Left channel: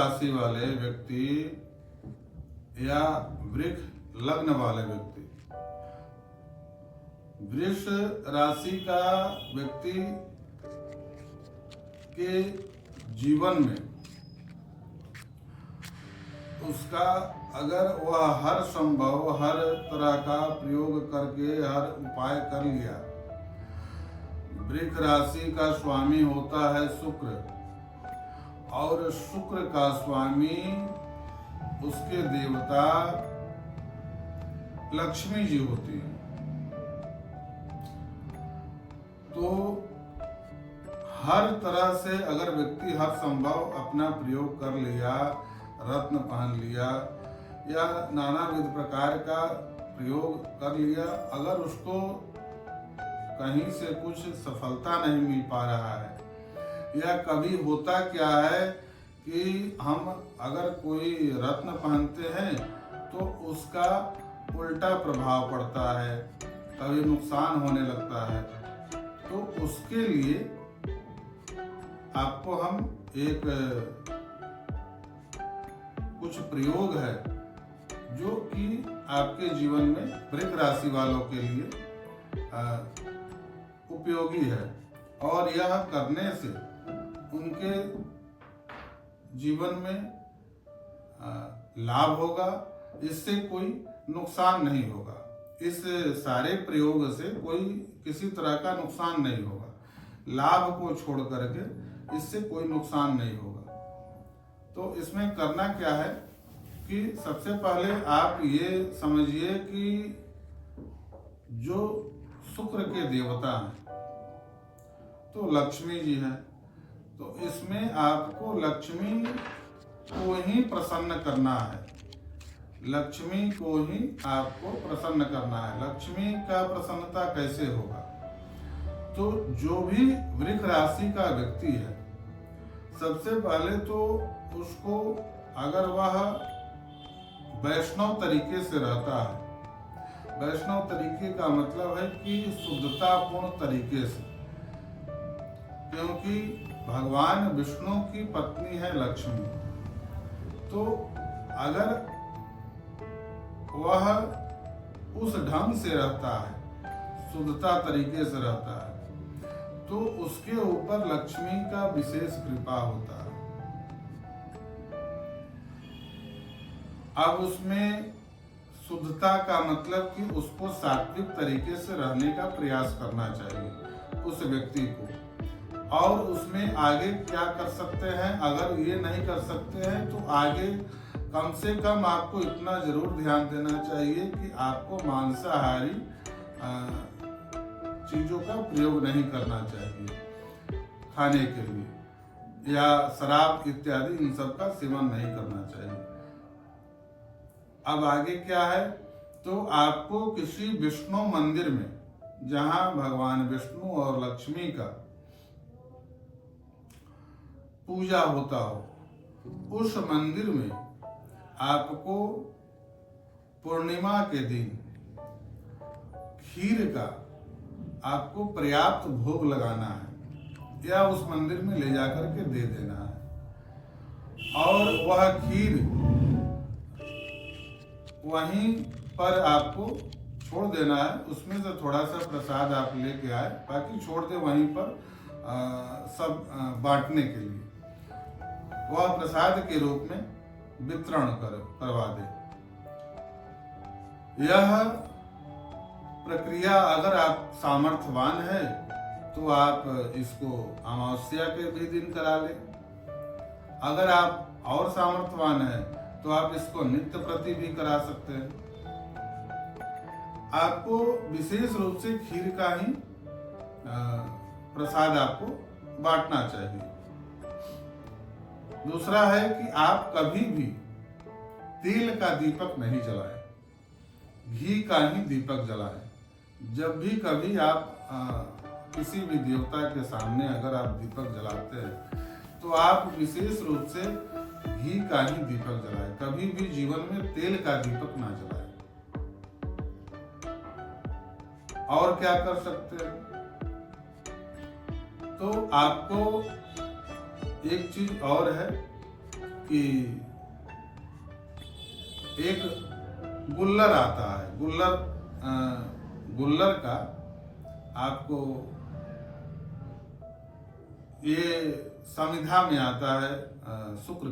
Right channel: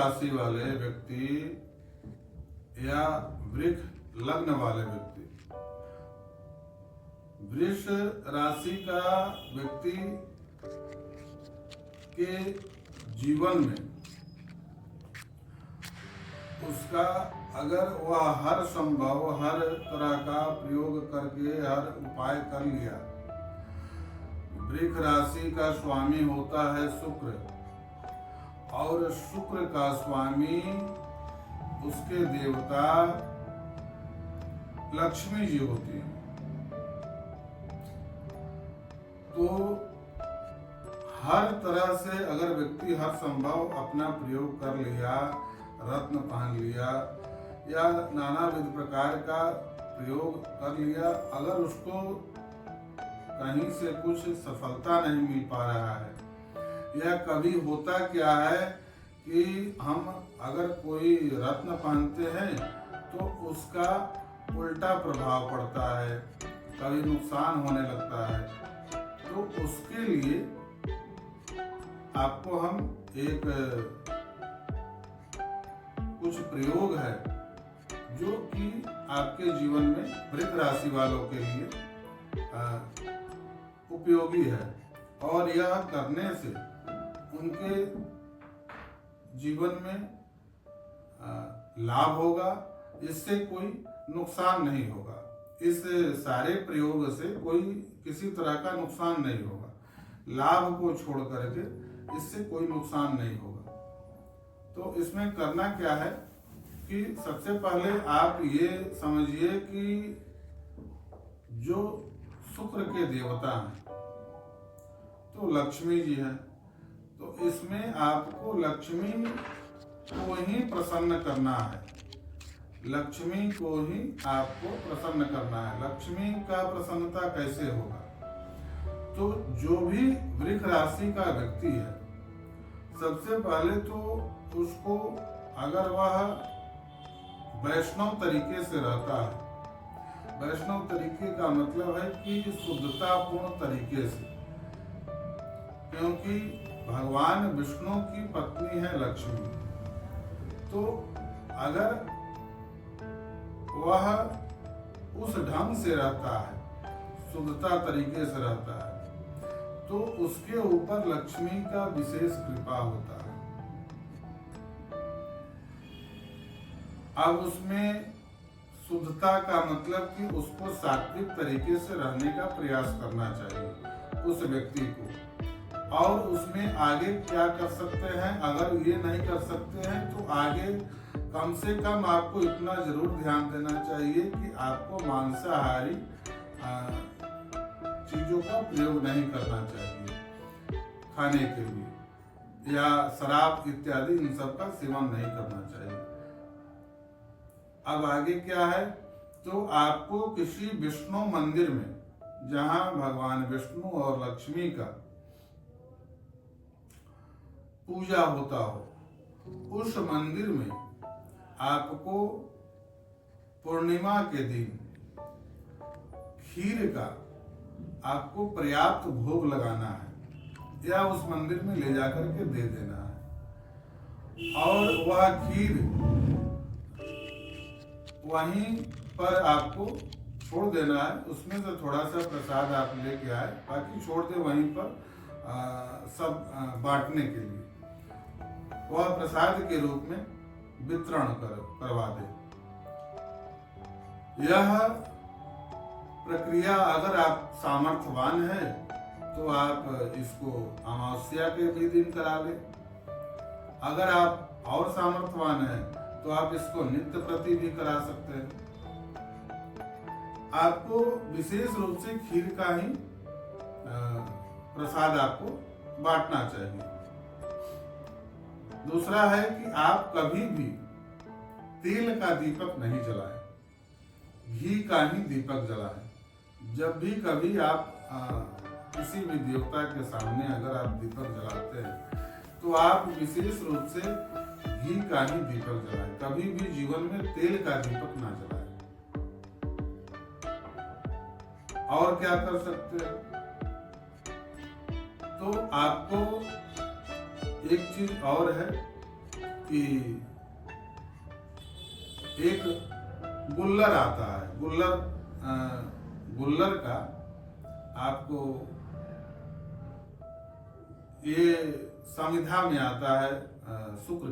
राशि वाले व्यक्ति या वृष लग्न वाले व्यक्ति, वृष राशि का व्यक्ति के जीवन में उसका अगर वह हर संभव हर तरह का प्रयोग करके हर उपाय कर लिया, वृष राशि का स्वामी होता है शुक्र और शुक्र का स्वामी उसके देवता लक्ष्मी जी होती है। तो हर तरह से अगर व्यक्ति हर संभव अपना प्रयोग कर लिया, रत्न पहन लिया या नानाविध प्रकार का प्रयोग कर लिया, अगर उसको कहीं से कुछ सफलता नहीं मिल पा रहा है, या कभी होता क्या है कि हम अगर कोई रत्न पहनते हैं तो उसका उल्टा प्रभाव पड़ता है, कभी नुकसान होने लगता है। तो उसके लिए आपको हम एक कुछ प्रयोग है जो कि आपके जीवन में वृष राशि वालों के लिए उपयोगी है, और यह करने से उनके जीवन में लाभ होगा, इससे कोई नुकसान नहीं होगा। इस सारे प्रयोग से कोई किसी तरह का नुकसान नहीं होगा, लाभ को छोड़ करके इससे कोई नुकसान नहीं होगा। तो इसमें करना क्या है कि सबसे पहले आप ये समझिए कि जो शुक्र के देवता हैं तो लक्ष्मी जी हैं, तो इसमें आपको लक्ष्मी को ही प्रसन्न करना है, लक्ष्मी को ही आपको प्रसन्न करना है। लक्ष्मी का प्रसन्नता कैसे होगा? तो जो भी वृष राशि का व्यक्ति है, सबसे पहले तो उसको अगर वह वैष्णव तरीके से रहता है, वैष्णव तरीके का मतलब है कि शुद्धतापूर्ण तरीके से, क्योंकि भगवान विष्णु की पत्नी है लक्ष्मी, तो अगर वह उस ढंग से रहता है, शुद्धता तरीके से रहता है, तो उसके ऊपर लक्ष्मी का विशेष कृपा होता है। अब उसमें शुद्धता का मतलब कि उसको सात्विक तरीके से रहने का प्रयास करना चाहिए उस व्यक्ति को। और उसमें आगे क्या कर सकते हैं, अगर ये नहीं कर सकते हैं तो आगे कम से कम आपको इतना जरूर ध्यान देना चाहिए कि आपको मांसाहारी चीजों का प्रयोग नहीं करना चाहिए खाने के लिए, या शराब इत्यादि इन सब का सेवन नहीं करना चाहिए। अब आगे क्या है, तो आपको किसी विष्णु मंदिर में जहां भगवान विष्णु और लक्ष्मी का पूजा होता हो, उस मंदिर में आपको पूर्णिमा के दिन खीर का आपको पर्याप्त भोग लगाना है या उस मंदिर में ले जाकर के दे देना है, और वह खीर वहीं पर आपको छोड़ देना है। उसमें से थोड़ा सा प्रसाद आप लेके आए, बाकी छोड़ दे वहीं पर सब बांटने के लिए, वह प्रसाद के रूप में वितरण करवा दे। यह प्रक्रिया अगर आप सामर्थ्यवान है तो आप इसको अमावस्या के भी दिन करा ले, अगर आप और सामर्थ्यवान है तो आप इसको नित्य प्रति भी करा सकते हैं। आपको विशेष रूप से खीर का ही प्रसाद आपको बांटना चाहिए। दूसरा है कि आप कभी भी तेल का दीपक नहीं जलाएं, घी का ही दीपक जलाएं। जब भी कभी आप किसी भी देवता के सामने अगर आप दीपक जलाते हैं तो आप विशेष रूप से घी का ही दीपक जलाएं, कभी भी जीवन में तेल का दीपक ना जलाएं। और क्या कर सकते हैं, तो आपको एक चीज और है कि एक गुल्लर आता है, गुल्लर का आपको ये संविधा में आता है शुक्र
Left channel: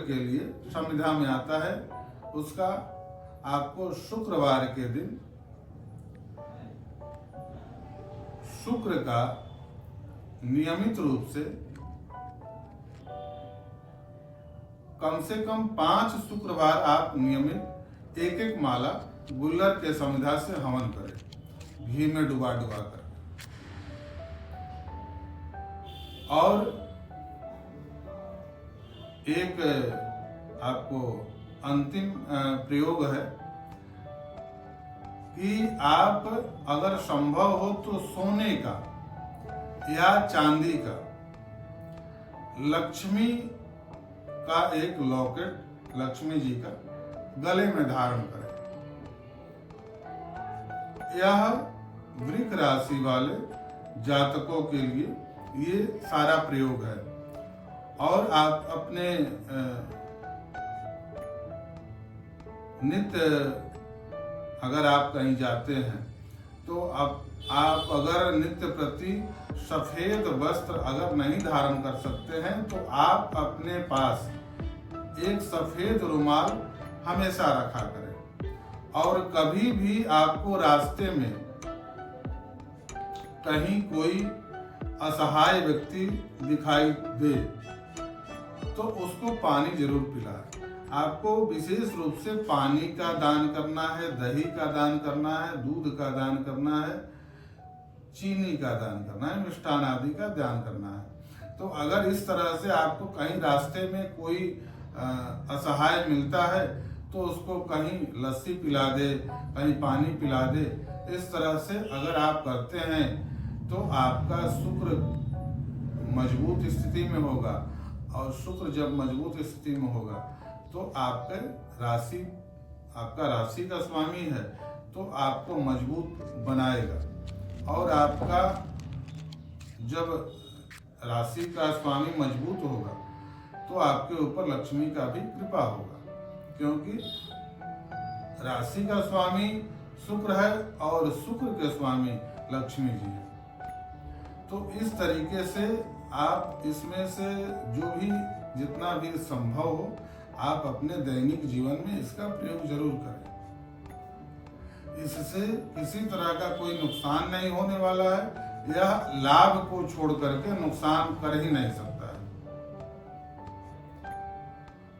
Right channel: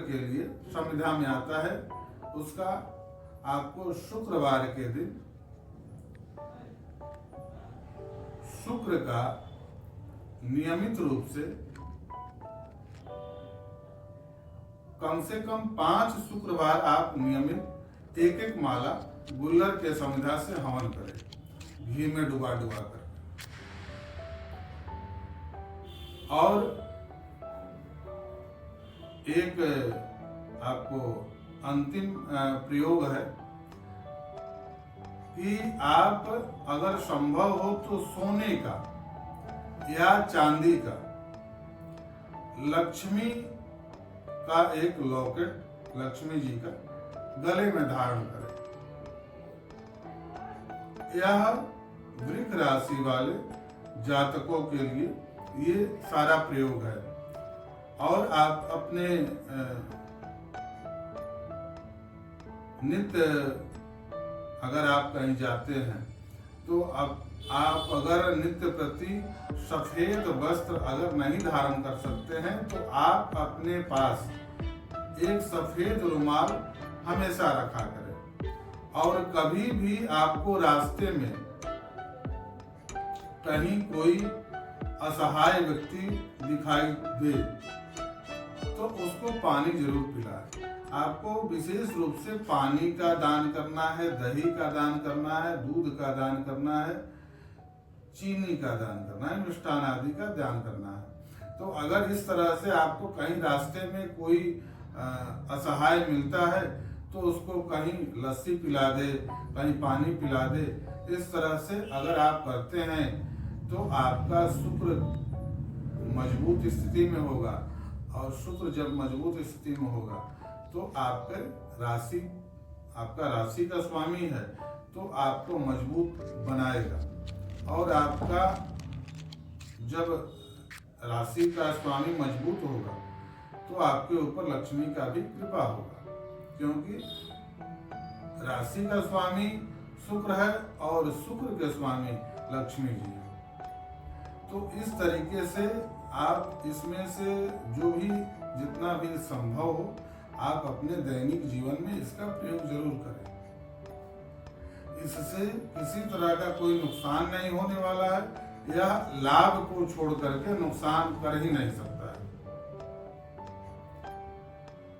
के लिए संविधा में आता है। उसका आपको शुक्रवार के दिन शुक्र का नियमित रूप से कम 5 शुक्रवार आप नियमित एक माला गुल्लर के संविधा से हवन करें, घी में डुबा कर। और एक आपको अंतिम प्रयोग है कि आप अगर संभव हो तो सोने का या चांदी का लक्ष्मी का एक लॉकेट लक्ष्मी जी का गले में धारण करें। यह वृक राशि वाले जातकों के लिए ये सारा प्रयोग है। और आप अपने नित्य अगर आप कहीं जाते हैं तो आप अगर नित्य प्रति सफेद वस्त्र अगर नहीं धारण कर सकते हैं तो आप अपने पास एक सफेद रुमाल हमेशा रखा करें। और कभी भी आपको रास्ते में कहीं कोई असहाय व्यक्ति दिखाई दे तो उसको पानी जरूर पिलाएं। आपको विशेष रूप से पानी का दान करना है, दही का दान करना है, दूध का दान करना है, चीनी का दान करना है, मिष्ठान आदि का दान करना है। तो अगर इस तरह से आपको कहीं रास्ते में कोई असहाय मिलता है तो उसको कहीं लस्सी पिला दे, कहीं पानी पिला दे। इस तरह से अगर आप करते हैं तो आपका शुक्र मजबूत स्थिति में होगा। और शुक्र जब मजबूत स्थिति में होगा तो आपका राशि का स्वामी है तो आपको मजबूत बनाएगा। और आपका जब राशि का स्वामी मजबूत होगा तो आपके ऊपर लक्ष्मी का भी कृपा होगा, क्योंकि राशि का स्वामी शुक्र है और शुक्र के स्वामी लक्ष्मी जी है। तो इस तरीके से आप इसमें से जो भी जितना भी संभव हो आप अपने दैनिक जीवन में इसका प्रयोग जरूर करें। इससे किसी तरह का कोई नुकसान नहीं होने वाला है। यह लाभ को छोड़ करके नुकसान कर ही नहीं सकता है।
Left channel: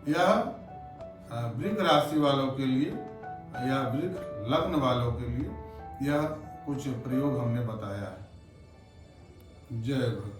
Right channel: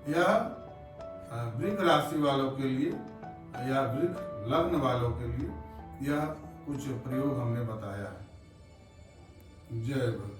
यह वृक राशि वालों के लिए या वृक लग्न वालों के लिए यह कुछ प्रयोग हमने बताया है। जय भगवान।